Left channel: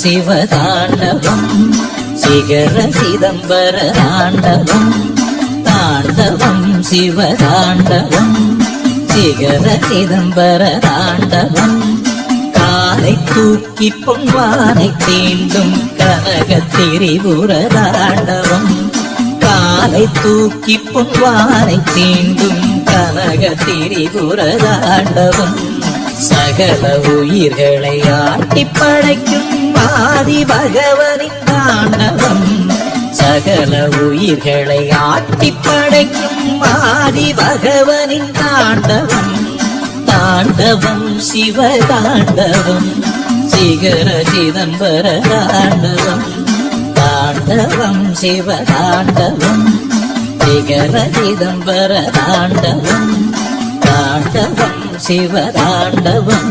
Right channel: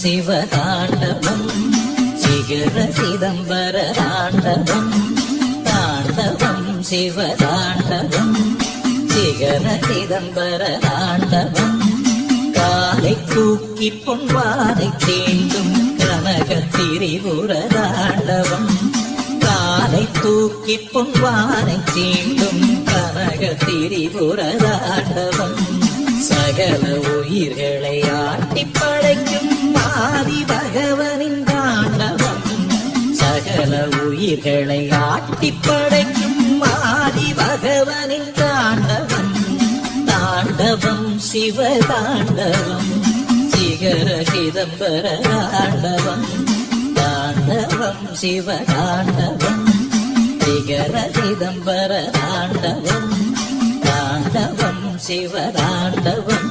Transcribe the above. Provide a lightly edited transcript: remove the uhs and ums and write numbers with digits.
சிவதாண்டவம் சிகர சிதம்பர தாண்டவம் தாண்டவம் சிவதாண்டவம் சிகர சிதம்பர தாண்டவம் காலை தூக்கி பொன்வானை தீண்டும் கனக திரிபுர தாண்டவம் காலை தூக்கி பொன்வானை தீண்டும் கனக திரிபுர தாண்டவம் சகல உயிர்களை ஆட்டி படைக்கும் ஆதி பகவனின் தாண்டவம் சகல உயிர்களை ஆட்டி படைக்கும் ஆதி பகவனின் தாண்டவம் தாண்டவம் சிவ தாண்டவம் சிகர சிதம்பர தாண்டவம் தாண்டவம் சிவ தாண்டவம் சிகர சிதம்பர தாண்டவம் தாண்டவம் சிவதாண்டவம்